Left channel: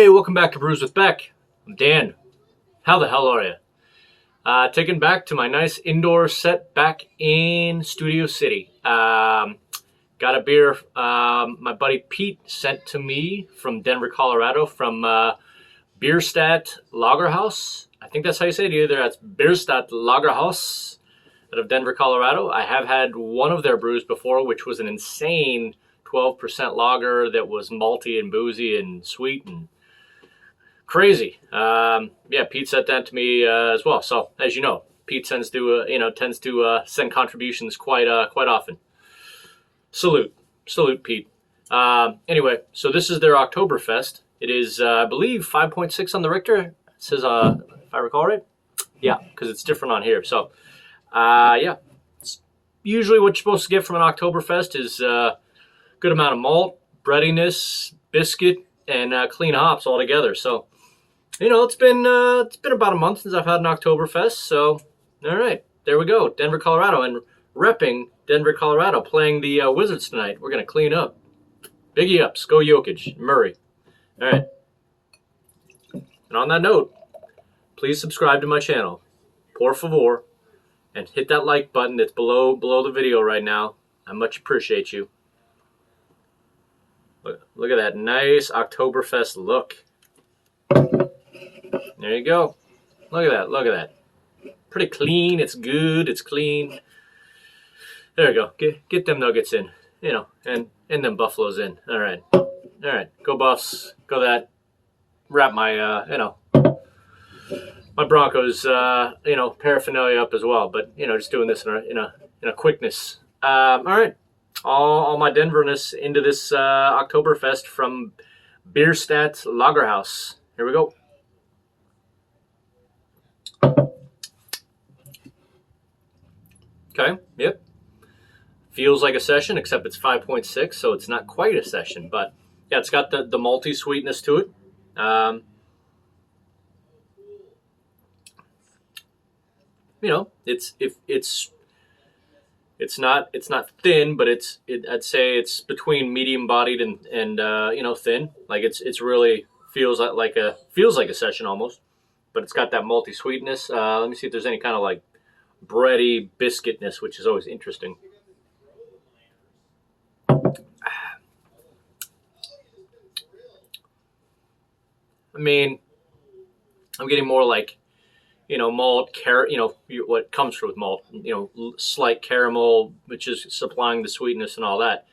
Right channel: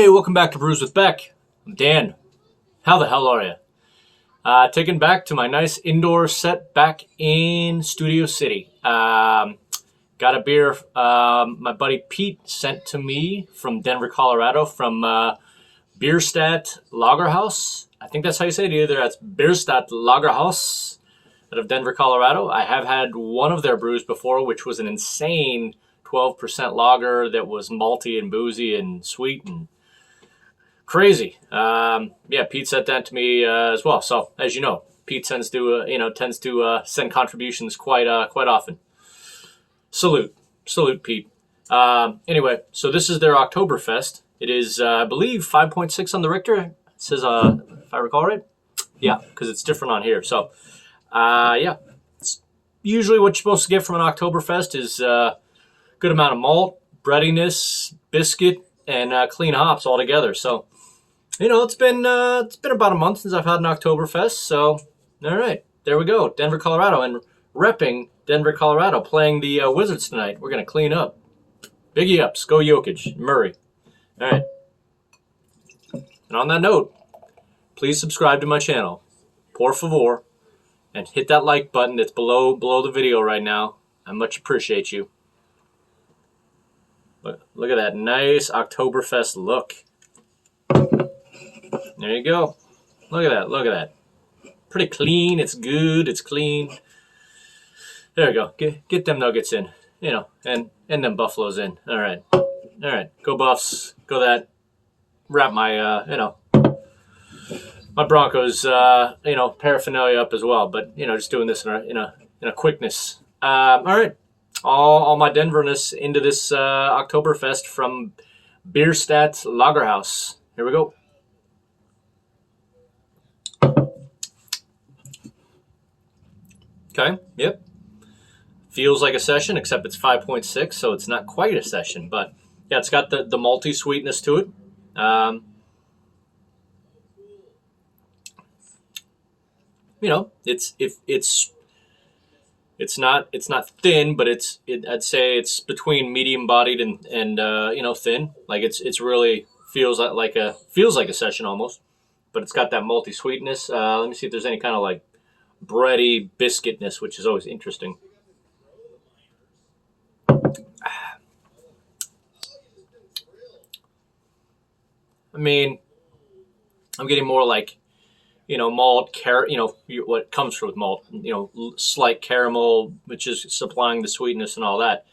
Hey, welcome back to Brews with Beck. I'm Dan. How the hell are you? Taken back to my nice indoor set back in Studio City. Got a beer my buddy Pete sent to me from Denver, Colorado, from Bierstadtlagerhaus. I think that's how you say it. Either that's Bierstadtlagerhaus out of Denver, Colorado. I have had one of their brews before, which was an insane 12% lager that was malty and boozy and sweet and crazy. Yeah, Pete sent that to me as well. So as you know, Pete tends to send contributions quite often. Salute, Pete. Anyway, so this is their Oktoberfest. It is, I believe, 5.6 on the Richter. It says, if I recall right, yeah, because it's different on here. So, yeah, it's usually what you're supposed to get from an Oktoberfest is good amount of malt, breadiness, biscuit, and clean hops all together. So, it's been about a month since I've had an Oktoberfest. So, all right, there we go, Denver, Colorado, and repping Denver, Colorado, playing the Wizards tonight. We're gonna clean up. Biggie ups, go Jokic, Murray. All right. And on that note, please subscribe to my channel, por favor, and hit that like button that's below the video right now. I much appreciate you. Look at that nice Oktoberfest look. There you go. Look at that. Pretty clean. It's good. It's clean. There we go. Get them Nuggets in, and them Buffaloes in. All right. Go Buffs. Go that. Wrap my, my Broncos, paraphernalia up as well. But just doing this in a quickness. All right. All my Denverness into this Oktoberfest from Bierstadtlagerhaus. Here we go. Okay, yep. Feels like a session, except it's 5.6, so it's not quite a session. But yeah, it's got the malty sweetness to it. It's not thin, but I'd say it's between medium bodied and thin. Like it's really feels like a session almost, but it's got that malty sweetness. Let me see if there's any kind of like bready biscuitness, which is always interesting. I mean, I'm getting more like, malt, what comes with malt, slight caramel, which is supplying the sweetness and all that.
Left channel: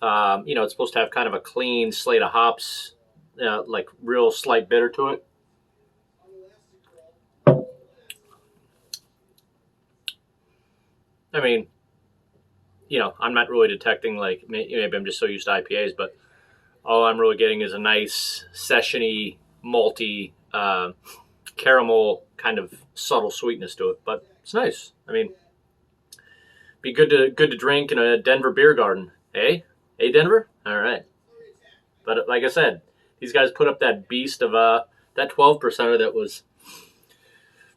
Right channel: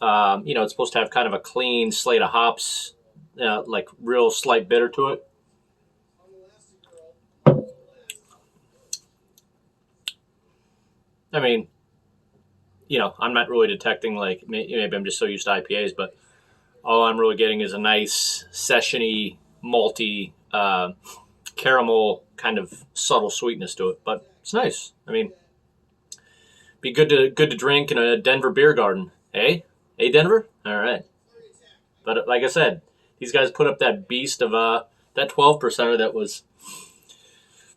It's supposed to have kind of a clean slate of hops, like real slight bitter to it. I mean, I'm not really detecting, like, maybe I'm just so used to IPAs, but all I'm really getting is a nice session-y, malty, caramel kind of subtle sweetness to it. But it's nice. I mean, be good to drink in a Denver beer garden. Hey, Denver? All right. But like I said, these guys put up that beast of that 12%er that was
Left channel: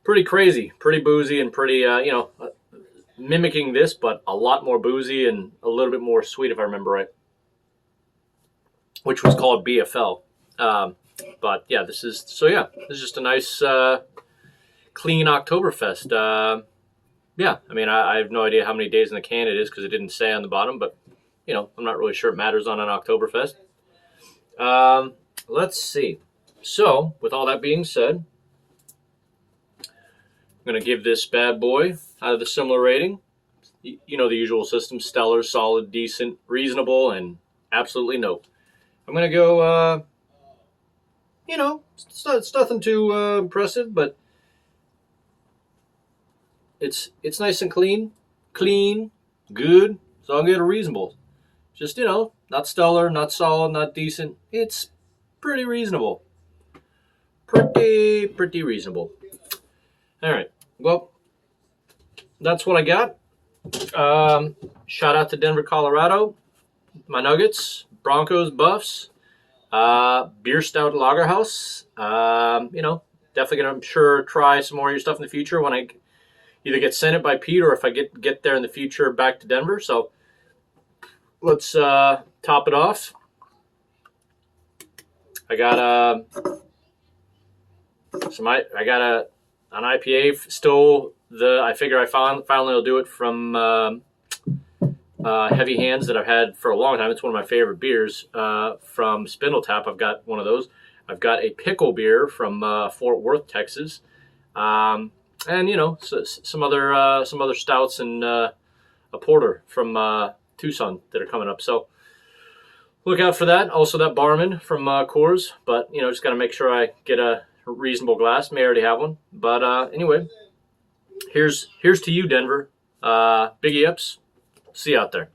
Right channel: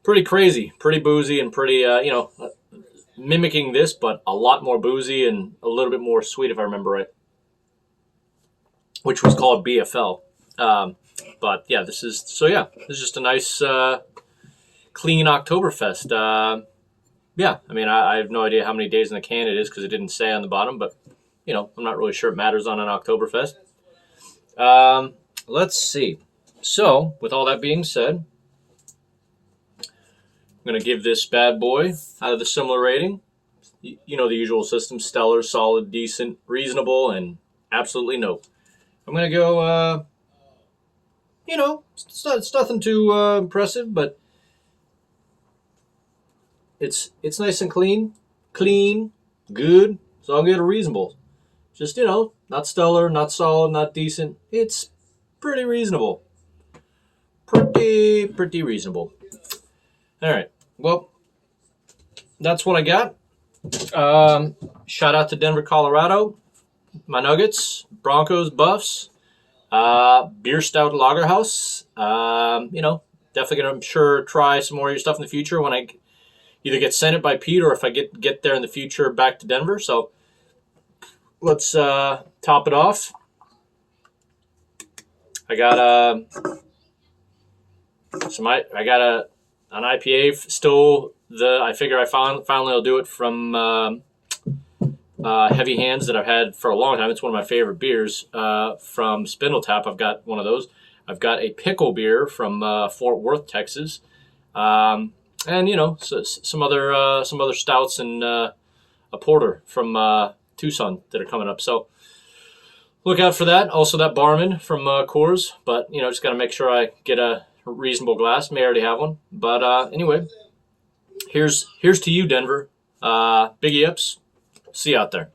pretty crazy, pretty boozy, and pretty, mimicking this, but a lot more boozy and a little bit more sweet, if I remember right, which was called BFL. But yeah, this is just a nice, clean Oktoberfest. Yeah, I mean, I have no idea how many days in the can it is because it didn't say on the bottom, but I'm not really sure it matters on an Oktoberfest. Let's see. So, with all that being said, I'm going to give this bad boy out of the similar rating. The usual system: stellar, solid, decent, reasonable, and absolutely no. I'm going to go, it's nothing too impressive, but it's nice and clean, good. So I'll get a reasonable. Just, not stellar, not solid, not decent. It's pretty reasonable. Pretty reasonable. All right. Well, that's what I got. Shout out to Denver, Colorado. My Nuggets, Broncos, Buffs, Bierstadtlagerhaus. Definitely gonna, I'm sure, try some more of your stuff in the future when I either get sent it by Pete or if I get there in the future back to Denver. So let's top it off. I got I got an IPA still. I figure I finally will do it from Heavy Hands that I've had for a long time. It's one of my favorite beers from Spindle Tap. I've got one of those. I've got a pickle beer from Fort Worth, Texas, and some other stouts and a porter from Tucson that are coming up. So look out for that. Also, that Barman from Coors, but just got to make sure I get a reasonable glass. May already have one, but anyway, here's to you, Denver. Biggie ups. See you out there.